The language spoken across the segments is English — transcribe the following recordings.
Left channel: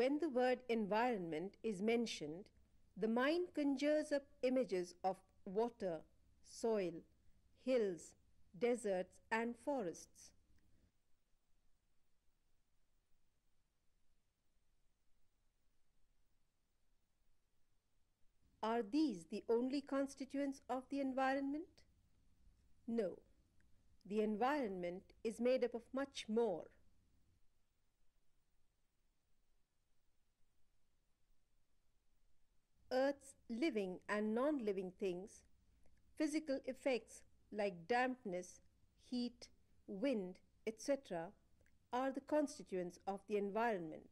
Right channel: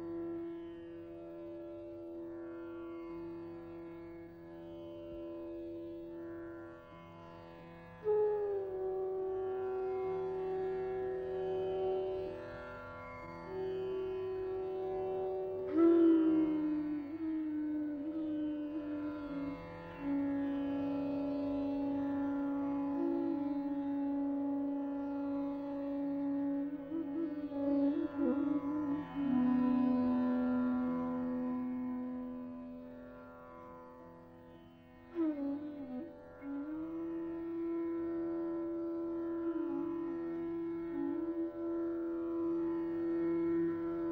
When the word environment is mentioned, the mind conjures up images of water, soil, hills, deserts and forests. Are these the only constituents of the environment? No. The environment is made up of much more. Earth's living and non-living things, physical effects like dampness, heat, wind, etc. are the constituents of the environment.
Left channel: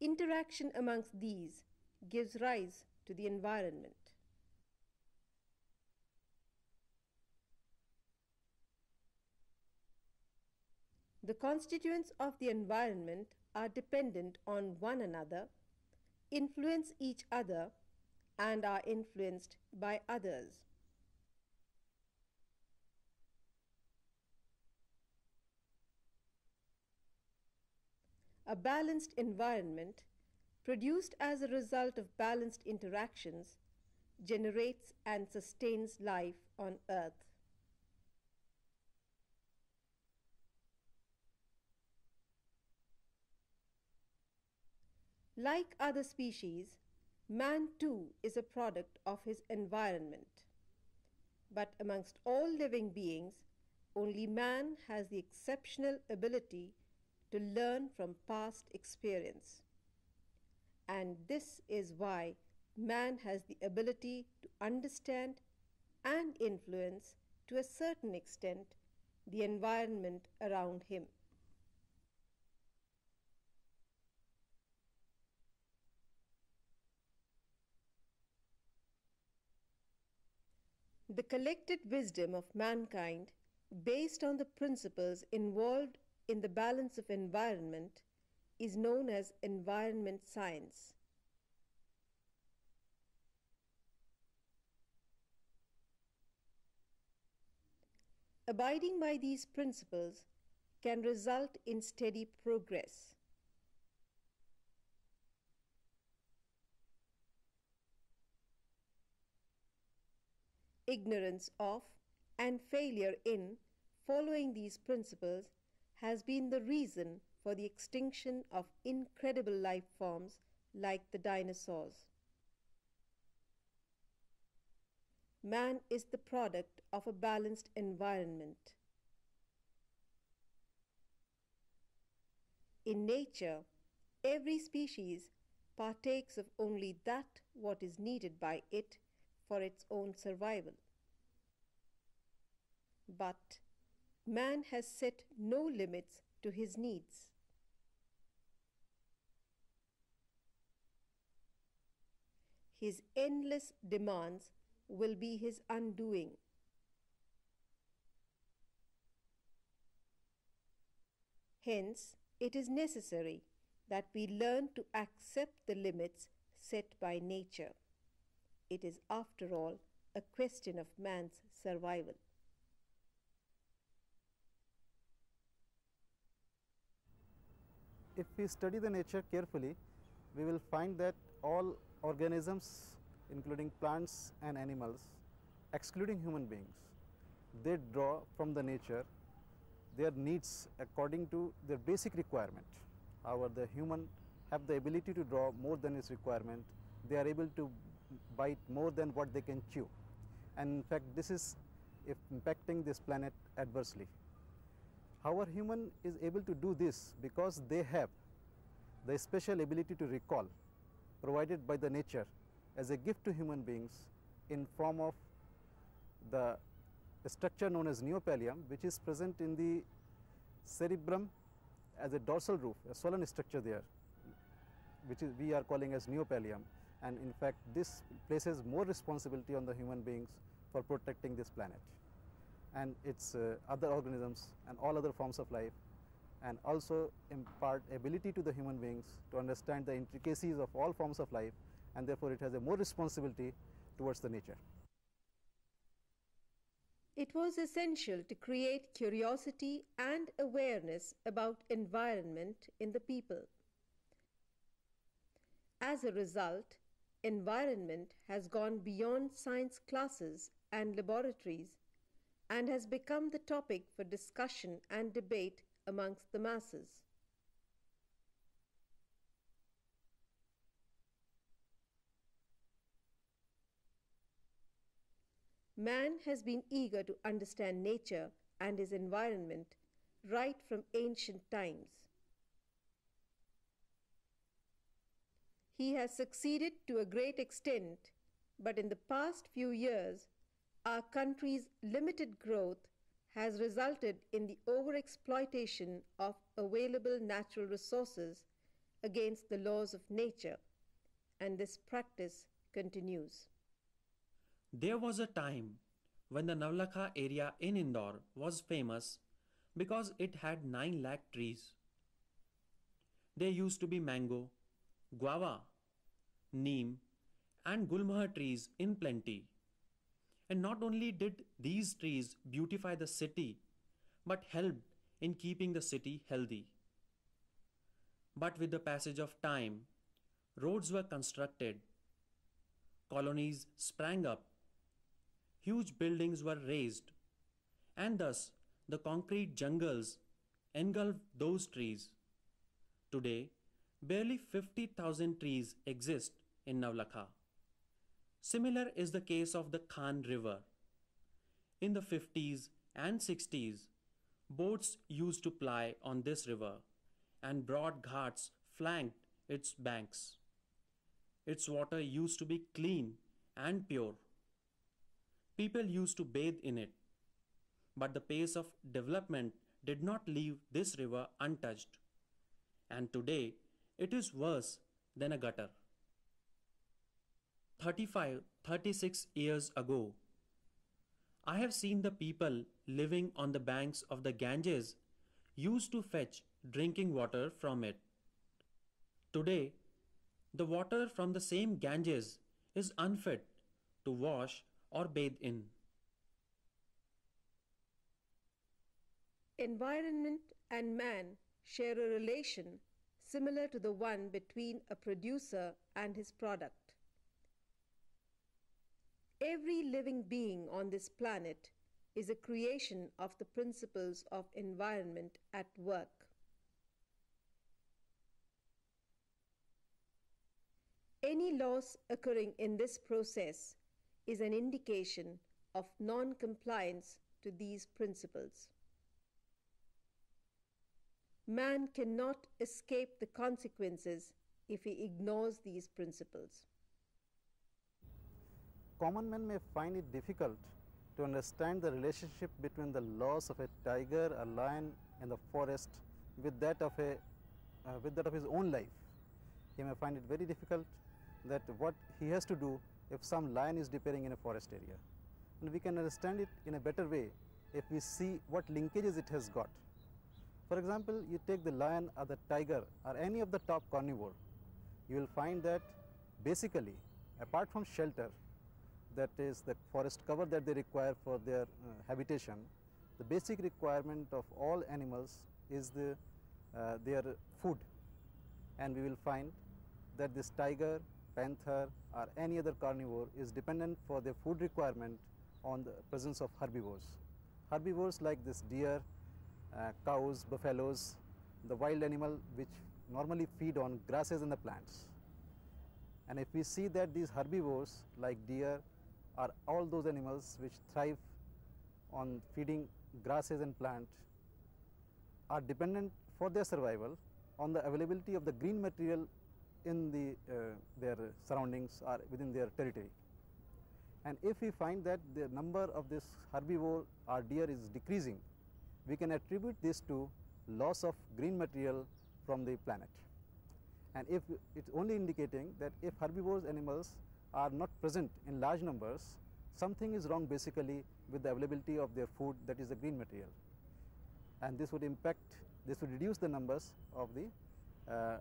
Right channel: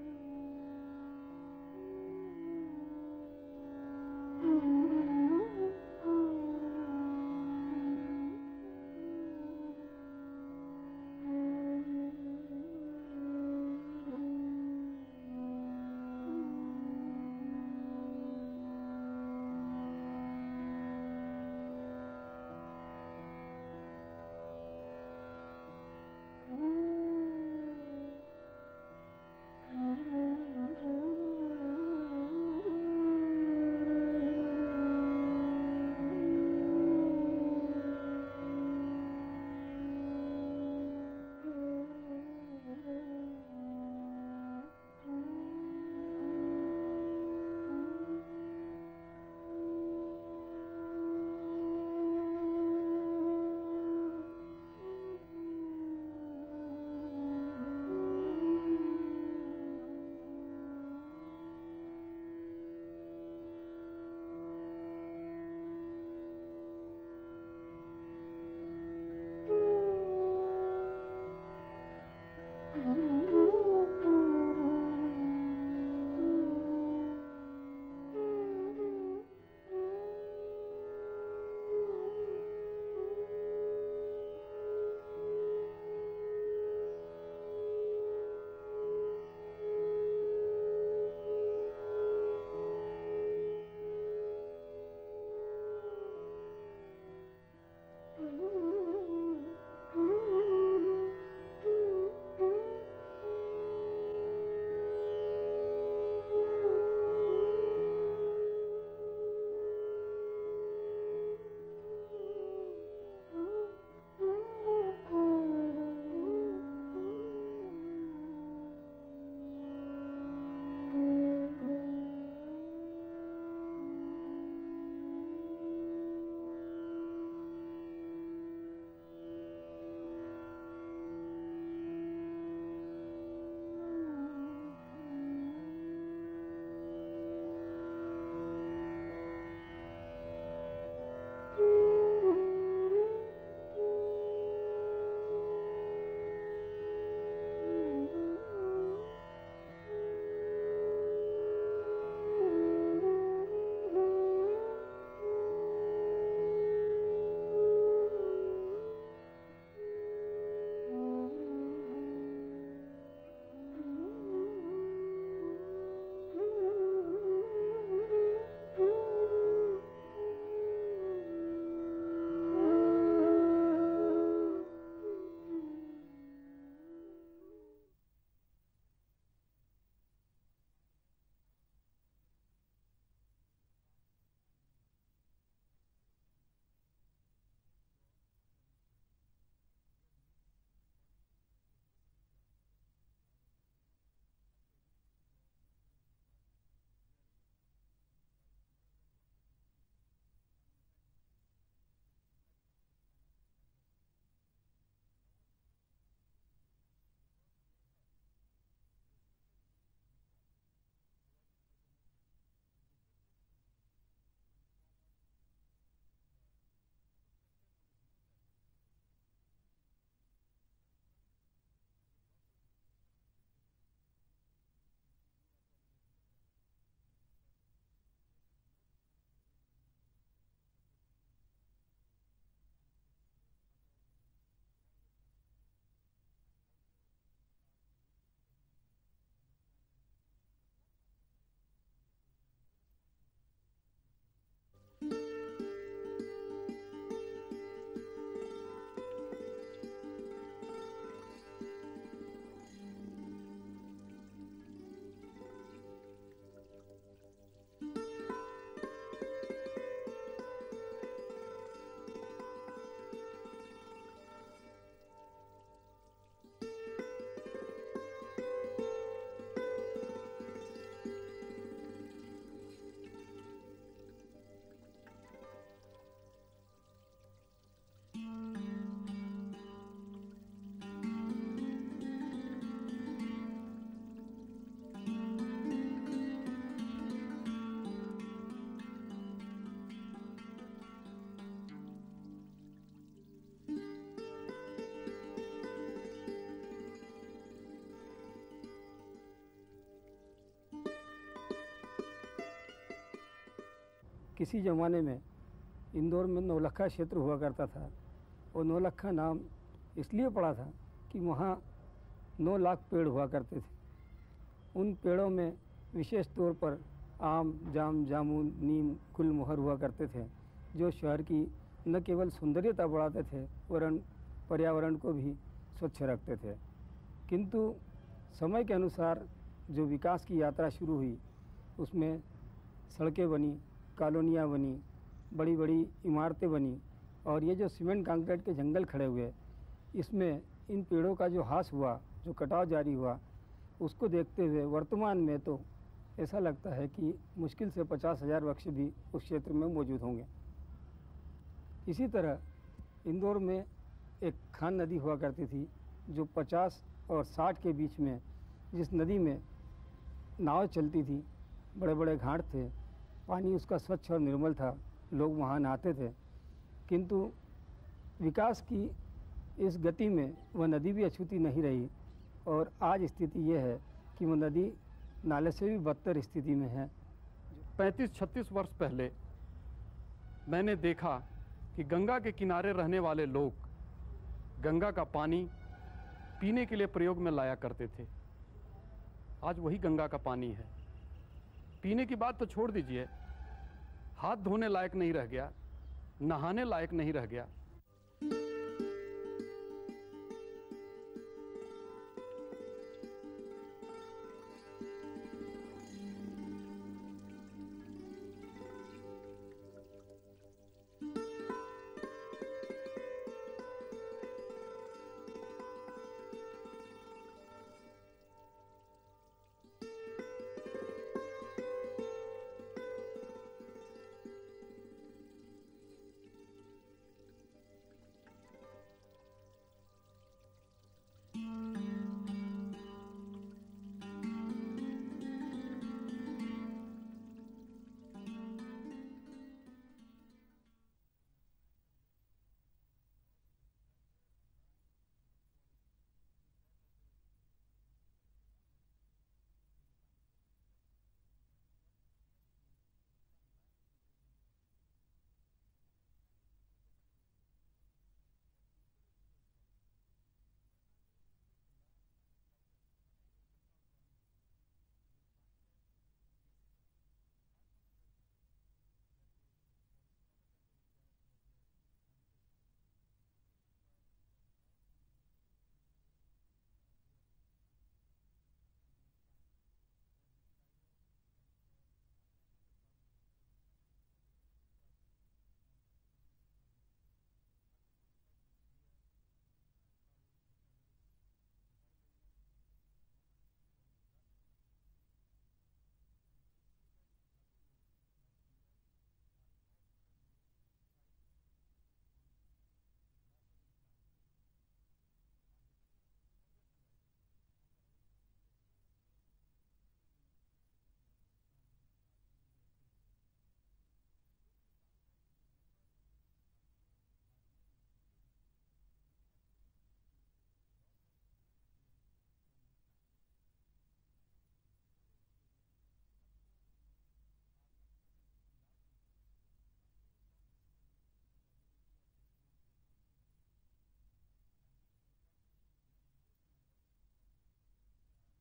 Interaction amongst these gives rise to the environment. The constituents of the environment are dependent on one another, influence each other, and are influenced by others. A balanced environment, produced as a result of balanced interactions, generates and sustains life on Earth. Like other species, man too is a product of his environment. But amongst all living beings, only man has the exceptional ability to learn from past experience. And this is why man has the ability to understand and influence to a certain extent the environment around him. The collected wisdom of mankind, based on the principles involved in the balance of environment, is known as environment science. Abiding by these principles can result in steady progress. Ignorance of and failure in following these principles has been the reason for the extinction of incredible life forms like the dinosaurs. Man is the product of a balanced environment. In nature, every species partakes of only that what is needed by it for its own survival. But man has set no limits to his needs. His endless demands will be his undoing. Hence, it is necessary that we learn to accept the limits set by nature. It is, after all, a question of man's survival. If we study the nature carefully, we will find that all organisms, including plants and animals, excluding human beings, they draw from the nature their needs according to their basic requirement. However, the human have the ability to draw more than its requirement. They are able to bite more than what they can chew. And in fact, this is impacting this planet adversely. However, human is able to do this because they have the special ability to recall provided by the nature as a gift to human beings in form of the structure known as neopallium, which is present in the cerebrum as a dorsal roof, a swollen structure there, which is we are calling as neopallium. And in fact, this places more responsibility on the human beings for protecting this planet and its other organisms and all other forms of life, and also impart ability to the human beings to understand the intricacies of all forms of life, and therefore it has a more responsibility towards the nature. It was essential to create curiosity and awareness about environment in the people. As a result, environment has gone beyond science classes and laboratories and has become the topic for discussion and debate amongst the masses. Man has been eager to understand nature and his environment right from ancient times. He has succeeded to a great extent, but in the past few years, our country's limited growth has resulted in the overexploitation of available natural resources against the laws of nature, and this practice continues. किसी ज़माने में इंदौर में नौलखा क्षेत्र हुआ करता था और नौलखा नाम इसलिए पड़ा था कि वहाँ 9 लाख पेड़ हुआ करते थे। उन पेड़ों में विशेष तौर पर आम, जाम, जामुन, नीम, गुलमोहर हुआ करते थे, जो शहर की न केवल सुंदरता बढ़ाते थे वरन पर्यावरण को भी स्वच्छ रखते थे। किंतु समय के अनुसार जो विकास की यात्रा शुरू हुई उसमें सड़कें बनी, कॉलोनियाँ बनी, बड़ी बड़ी इमारतें बनी और ये जो सीमेंट कंक्रीट के जंगल खड़े हुए, इसमें इन पेड़ों का जो ह्रास हुआ, जो कटाव जारी हुआ, उसको देखते हुए वर्तमान में तो ऐसा लगता है कि मुश्किल से 50,000 वृक्ष भी उस क्षेत्र में मौजूद होंगे। इसी तरह इंदौर में एक खान नदी हुआ करती थी जो 50 और 60 के बीच में, जिस नदी में नाव चलती थी, बड़े बड़े घाट थे, पानी उसका स्वच्छ और निर्मल था, लोग वहाँ नहाते थे। किंतु विकास की इस गति में वह नदी भी अछूती नहीं रही और आज स्थिति ये है कि वो नदी नाले से भी बदतर स्थिति में है। 35-36 वर्ष पहले मैंने देखा कि गंगा के किनारे रहने वाले लोग गंगा का पानी पीने के लिए प्रयोग में लाया करते थे। आज वही गंगा का पानी है। पीने की बात तो छोड़ दीजिए, हाथ धोने लायक नहीं रह गया, नहाने लायक नहीं रह गया। Environment and man share a relation similar to the one between a producer and his product. Every living being on this planet is a creation of the principles of environment at work. Any loss occurring in this process is an indication of non-compliance to these principles. Man cannot escape the consequences if he ignores these principles. Common man may find it difficult to understand the relationship between the loss of a tiger, a lion in the forest with that of his own life. He may find it very difficult that what he has to do if some lion is disappearing in a forest area. And we can understand it in a better way if we see what linkages it has got. For example, you take the lion or the tiger or any of the top carnivore, you will find that basically, apart from shelter, that is the forest cover that they require for their habitation, the basic requirement of all animals is their food. And we will find that this tiger, panther or any other carnivore is dependent for their food requirement on the presence of herbivores. Herbivores like this deer, cows, buffaloes, the wild animal which normally feed on grasses and the plants. And if we see that these herbivores like deer are all those animals which thrive on feeding grasses and plants are dependent for their survival on the availability of the green material in their surroundings or within their territory. And if we find that the number of this herbivore or deer is decreasing, we can attribute this to loss of green material from the planet. And if it's only indicating that if herbivorous animals are not present in large numbers, something is wrong basically with the availability of their food, that is the green material. And this would reduce the numbers of the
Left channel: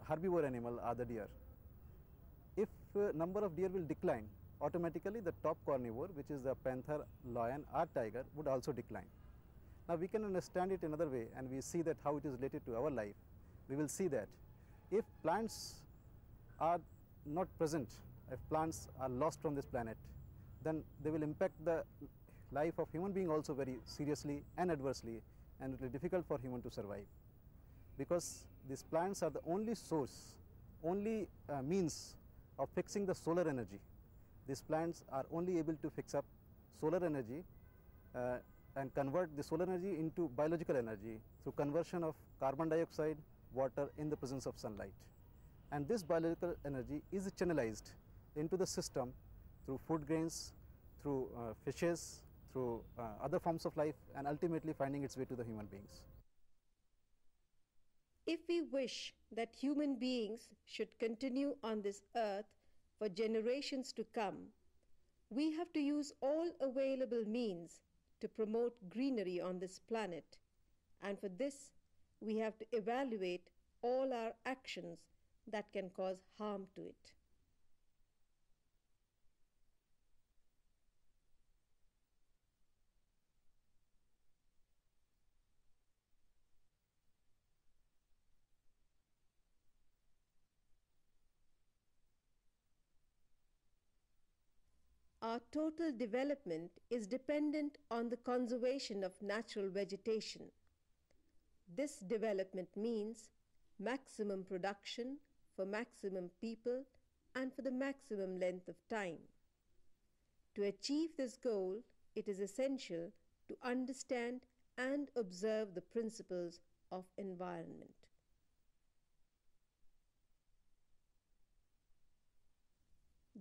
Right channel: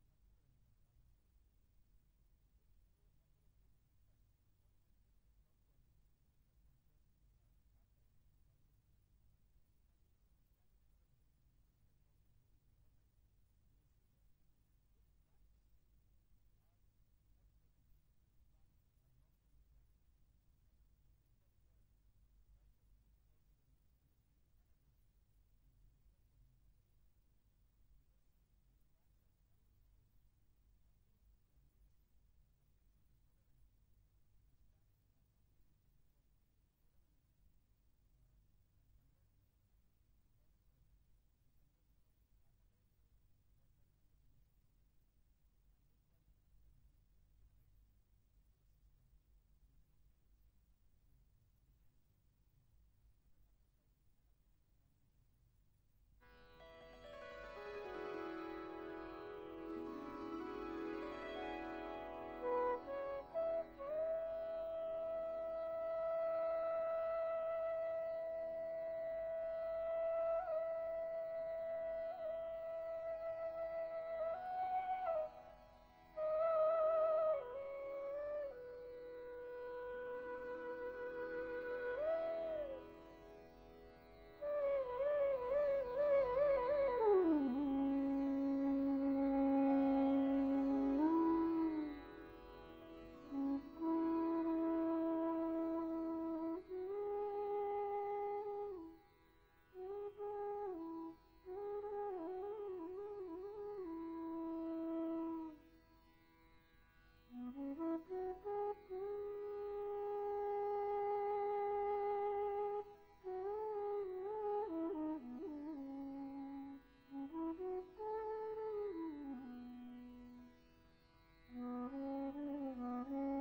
herbivore animal or the deer. If number of deer will decline, automatically the top carnivore, which is the panther, lion or tiger, would also decline. Now we can understand it another way, and we see that how it is related to our life. We will see that if plants are not present, if plants are lost from this planet, then they will impact the life of human being also very seriously and adversely, and it will be difficult for human to survive, because these plants are the only source, only means of fixing the solar energy. These plants are only able to fix up solar energy and convert the solar energy into biological energy through conversion of carbon dioxide, water in the presence of sunlight. And this biological energy is channelized into the system through food grains, through fishes, through other forms of life, and ultimately finding its way to the human beings. If we wish that human beings should continue on this earth for generations to come, we have to use all available means to promote greenery on this planet, and for this we have to evaluate all our actions that can cause harm to it. Our total development is dependent on the conservation of natural vegetation. This development means maximum production for maximum people and for the maximum length of time. To achieve this goal, it is essential to understand and observe the principles of environment.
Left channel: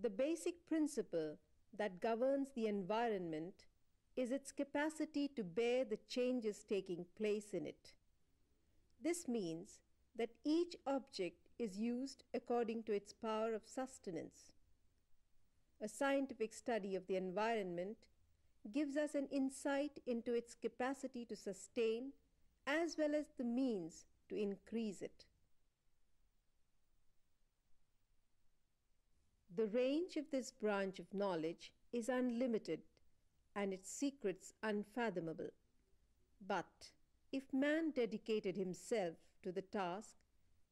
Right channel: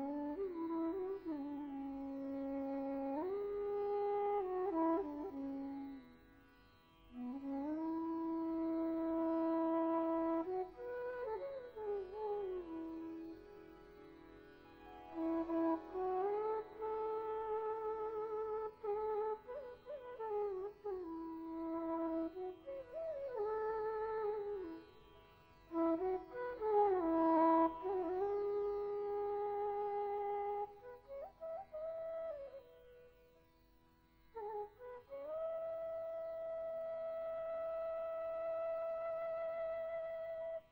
The basic principle that governs the environment is its capacity to bear the changes taking place in it. This means that each object is used according to its power of sustenance. A scientific study of the environment gives us an insight into its capacity to sustain as well as the means to increase it. The range of this branch of knowledge is unlimited and its secrets unfathomable. But if man dedicated himself to the task,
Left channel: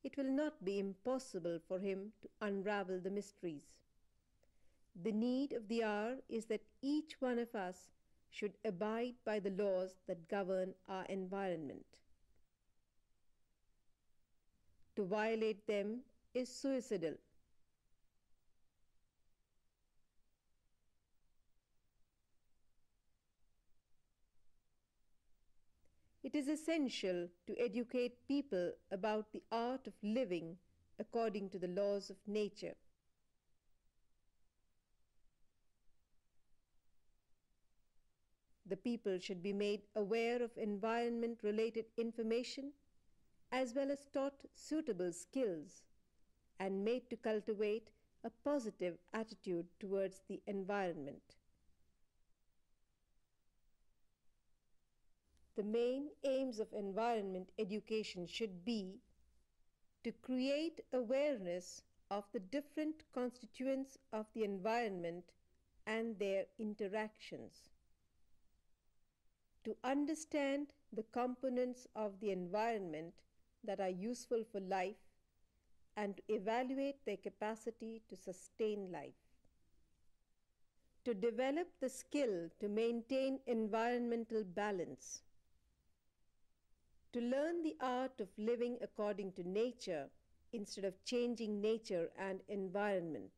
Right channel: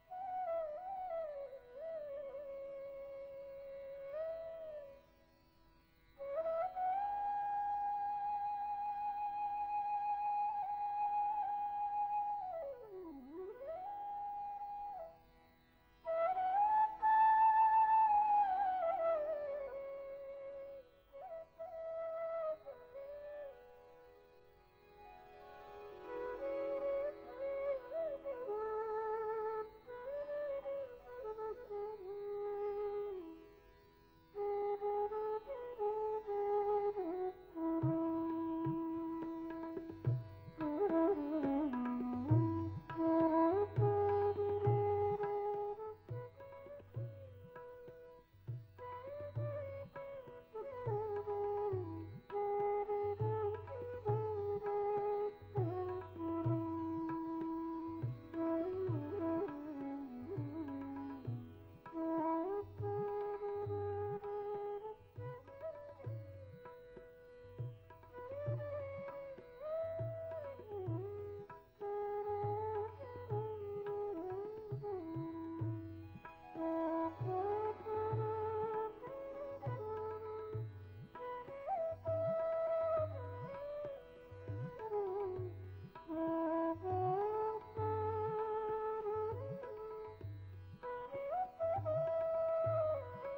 it will not be impossible for him to unravel the mysteries. The need of the hour is that each one of us should abide by the laws that govern our environment. To violate them is suicidal. It is essential to educate people about the art of living according to the laws of nature. The people should be made aware of environment-related information as well as taught suitable skills and made to cultivate a positive attitude towards the environment. The main aims of environment education should be to create awareness of the different constituents of the environment and their interactions, to understand the components of the environment that are useful for life and to evaluate their capacity to sustain life, to develop the skill to maintain environmental balance, to learn the art of living according to nature instead of changing nature and environment,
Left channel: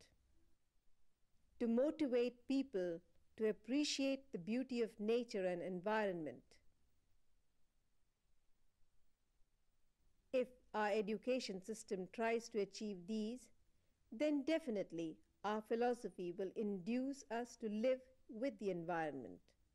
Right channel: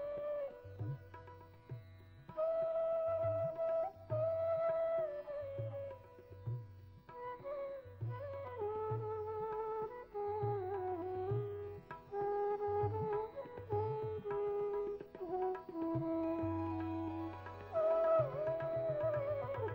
to motivate people to appreciate the beauty of nature and environment. If our education system tries to achieve these, then definitely our philosophy will induce us to live with the environment.